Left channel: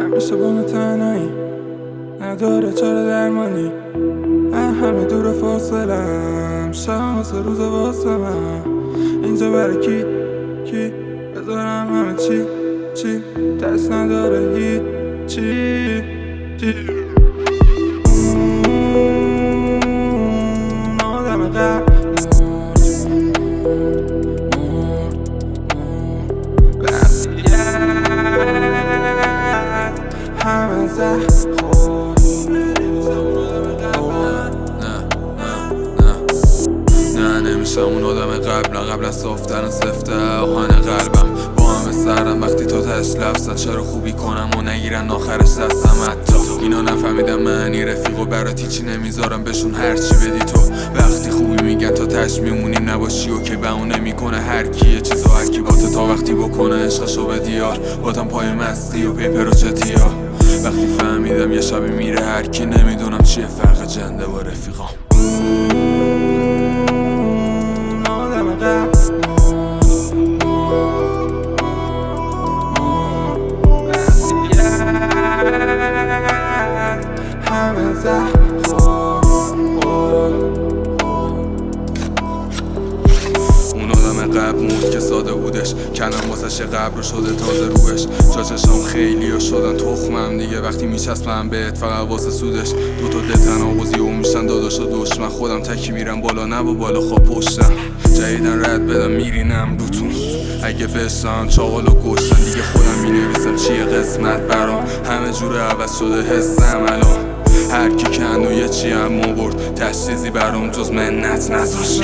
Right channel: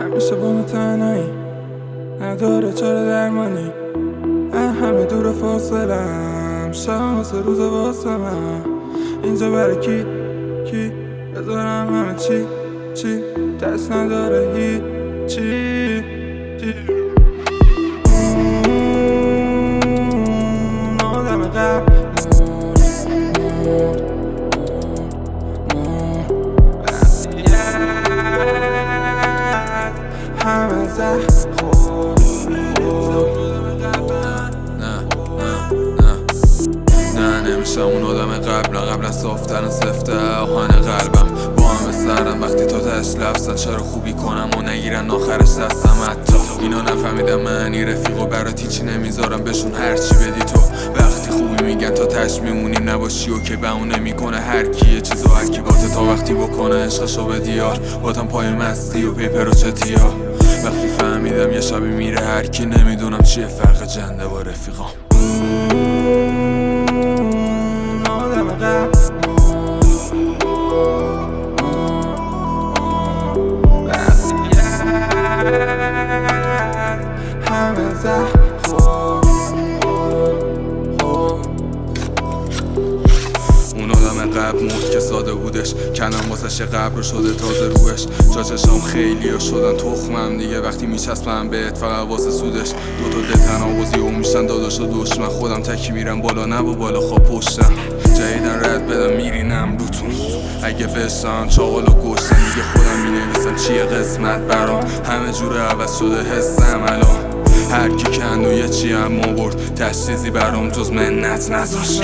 همیشه با من تنهایی، نداره چاره درمانی. همه دور فاصلم، شب واسه روز واسه من. اینجا برای کی بذارم همه چی دست نداره هیچی. اون آدم قبل همه زخم خود نه نمیشم اون آدم قبل از صافترن سفته آهن قلبم با همه سرم وقتی تا تش لفظن چرا خوبی کنم و نگیرن آخرش دستم. حتی اینا نفهمیدم معنی رفیق و برات هیچی نمیذارم بهشون هرچی بدی تو. وقتی خوبی میگن تا تش میمونیم نباشی و که بهونه میکنه هر کی یه چیزو هرکی باته تا وقتی بکنه عشقشو به دیار باتم پای مستی و پیپر و چتیا. وقتی فهمیدم یه شبی میره هر کی نمیدونم چیه فرق جنده با رفیقام. آدم قبل همه زخم اون آدم قبل مرد که ساده بودش کنم واسش قبر شده تازه روش. جا چشام خیلی ها شدن تخمم دیگه وقتی میچسبم بهت فقط واسه سودش. دوتا ده تناقضی و میشن داداش و دشمن خودم تکی میرم بالا نه و بالا خواب پشتم. جدیدن رد بدم میرینم روتون اگه بشن چاقال و گشتن دیگه خودم مینویسم چیه قسمت برام. همه جور عوض شده حسم الان هر کی کند و یه چی هم برد تشخیصی برام جز منت نذاشت.